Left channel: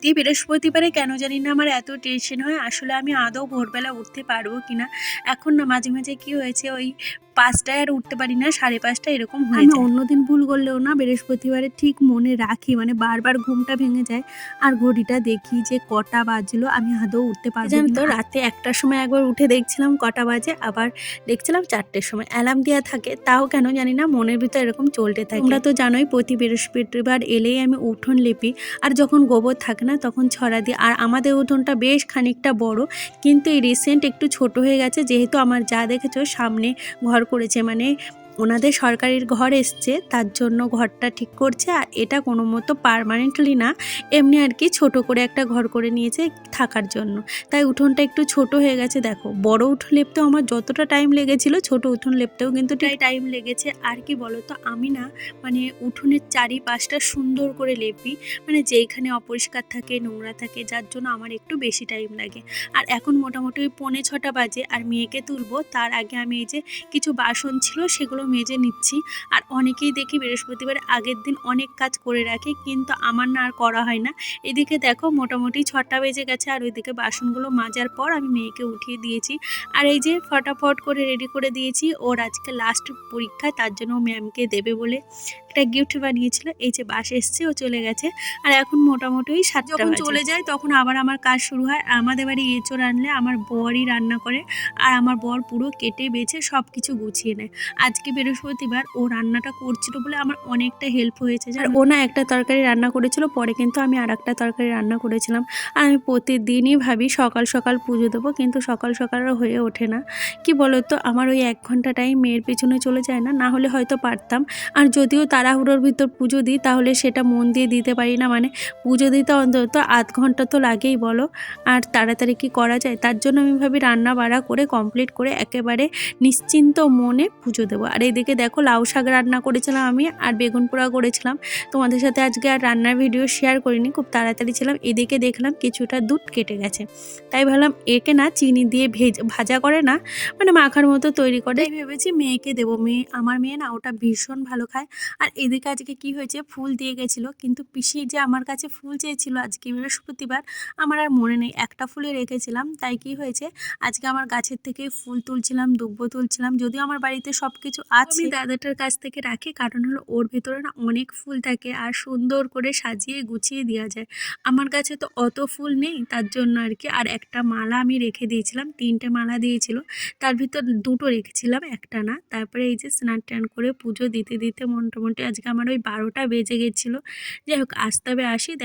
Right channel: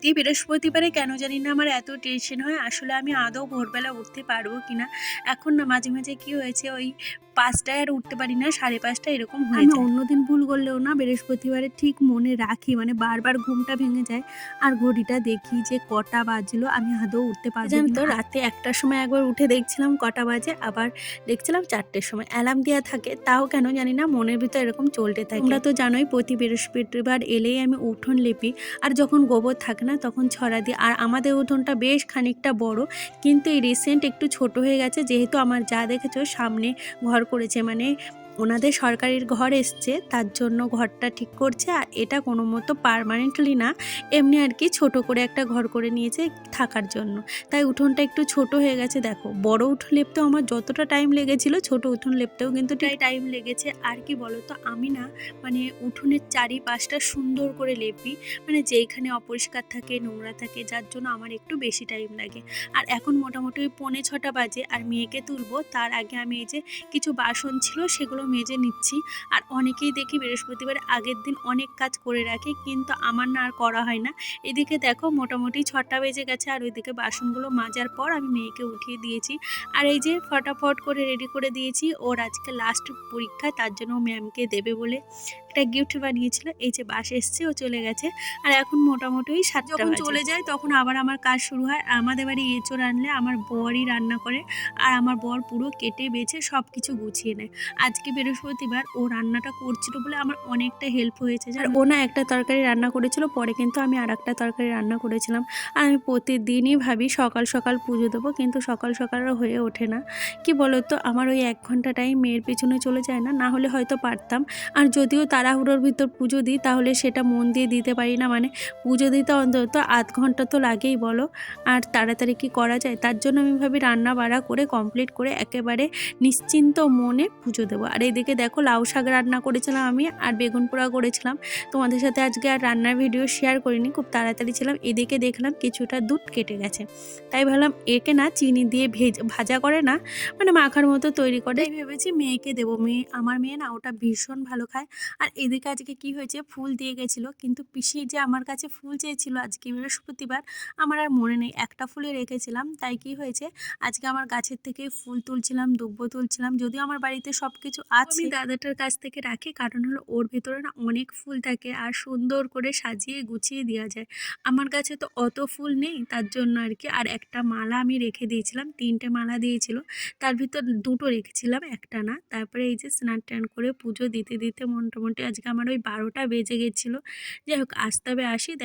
প্রতি বৃহস্পতিবারে কেন জানি না আমার এত টেনশন হয়, আসলে আমি আদৌ ভোরবেলা উঠতে পারবো কিনা। এখন না মাঝে মাঝে কি হয়েছে, ওই 5টায় আর উঠতে পারি না, 5:30 এরকম হয়ে আমি যায়। অন্যদিন ভুল করলেও না বৃহস্পতিবারে ঠিক মনে রাখি, মানে বারবার ঘুমটা ভেঙে যায় আর ঘড়িটা দেখি যে কটা বাজলো, আমি আদৌ উঠতে পারবো জানো কিনা। তো, রাতে 1টার সময় একবার উঠে দেখছিলাম কটা বাজে, আবার দেখছিলাম 4টের সময়। অ্যালার্ম দেওয়া থাকে, তাও কেন জানি না মনের ভিতর এরকম চলতে থাকে। তোমরা তো জানোই প্রতি বৃহস্পতিবার এলেই আমি উঠোন লেপি, আর যখন গোবর থাকে না তখন ছড়া দিই। আর আমাদের উঠোনটা বেশ খানিকটা বড়, কিন্তু এই রিসেন্ট একটু ছোট হয়ে গেছে, যেহেতু আমার যা দেখেছো সামনে ঘর করেছে, মানে ওনাদের সরকারির ঘর এসছে, তার জন্য ঘরটা ঠিক করছে। আর এটা কোনো মতো পার্মানেন্টলি না, এমনি আর কি ছোট করে একটা ঘর করে নিয়েছে থাকার জন্য। তাই উঠোনটা একটু ছোট হয়ে গেছে। দেখো, বড় উঠোন লেপতেও আমার যতটা টাইম লেগেছিল, ছোট উঠোন লেপতেও কিন্তু টাইম লেগেছে। আর কি বলতো, আমি না মানে উঠোনের চারিপাশটা সুন্দর করে লেপি, মানে যেইখানে অপরিষ্কার থাকে, নোংরা থাকে, যার জন্য আমার একটু বেশি টাইম লাগে। আর এখন মোটামুটি ওই 5:45 বাজে, আর মেয়েকে তুলবো তার আগে আমি এই যে কিছু বাসন ছিল সেগুলো মেজে নিচ্ছি। আর অনেকেই দেখি বৃহস্পতিবার আগের দিন অনেক কাজ করে রাখে, কিন্তু আমার না আর করা হয় না। এদিকে দেখো মোটামুটি 6টা বেজে গেছে, আর ওইদিকে বাসনগুলো মাজার পর আমি মেয়েকে উঠিয়ে দিয়েছি। আর এই যে ফটাফট করে রেডি করে দিয়েছি, ওর আজকে লাস্ট পরীক্ষা, তার জন্য ম্যামকে দেবে বলে একটা গিফট বানিয়েছিল। এই যে বাস এসছে, ও চলে গেছে। আর এখন মোটামুটি 7টা যখন চলে যায় তখন আবার আমার কাজ শুরু হয়। আমাদের বাড়ি এঁচোড় আনলে আমার বরই রান্না করে, আর আমার বর পুরো কেটে বেছে সব কিছু গুছিয়ে নেয়। আজকে বৃহস্পতিবার ও রান্নাটা করছিল বলে আমার অনেকটা হেল্প হয়েছে। আর ও না একটা তরকারি রান্না করেছিল, পরে কিন্তু আমি আর একটা তরকারি রান্না করেছিলাম। আর আমি প্রতিদিনই ভাবি সকাল সকাল পুজো দেবো, কিন্তু সকাল সকাল আর হয়ে ওঠে না। কি বলতো, আমার ওই 1 ঘন্টা টাইম মেয়ের পেছনে চলে যায়, না হলে হয়তো পারতাম। আর যদিও তাড়াহুড়োর ভিতর পুজো দিই, তাহলে সেটা মন দিয়ে দিতে পারি না। মানে পুজো দিতে অন্তত আধ ঘন্টা তো লাগেই বলো, আর তাড়াতাড়ি কি করা যায়। তার জন্য আমি ভাবি রান্না বাড়া করে কমপ্লিট করে একেবারে নিশ্চিন্ত মনে পুজো দেবো। আর এদিকে দেখো, লাউ শাক রান্না করেছিলাম আমি, আর বেগুন পোড়া করেছিলাম। তোমাদের সাথে আজকে আর রান্নার ভিডিও শেয়ার করিনি, খুব তাড়াতাড়ি ছিলাম। এদিকে দেখলাম কিছুটা দুধ কেটে গেছে, তাই ভাবলাম একে না চিনি দিয়ে ভাজা করে না, মানে মাখার মতো তৈরি করে, তাই ভেবেছি মেয়েকে দেবো। আমার মেয়ে না ওটা ভীষণ ভালো খায়। আর এদিকে আজকে কি হয়েছে, ফুল দিয়ে গেছিলো, কিন্তু পিসি যে আমার কাছে ফুল চেয়েছিল আজকে বৃহস্পতিবার, আমার আর মনে নেই, একটা ফুলে রেখেছিলাম। তাই কি হয়েছে, আজকে আমার গাছের থেকে ফুল তুলছিলাম, দুব্বো তুলছিলাম। যদিও আমার বাড়িতে সব কিছু আছে, আমি দাদাটার কাছ থেকে রাখি, কারণ হলো ওর ভেতরে না অনেক ফুল থাকে, আর সুন্দর করে সাজিয়ে গুছিয়ে দেওয়া যায়। আমার কাছে তো অত ফুল নেই, তার জন্য আর কি। আর একটা মালা আমি রেখে দিয়েছিলাম, 3টে মালা দিয়েছিল, তার ভিতর 2টো রেখেছিলাম, একটা না। তারপরে এই যে স্নান টান করে পুজো দিতে দিতে মোটামুটি আজকে আমার ওই 12টা বেজে গেছিলো। যাই হোক, আসতে হবে আসি। দেখ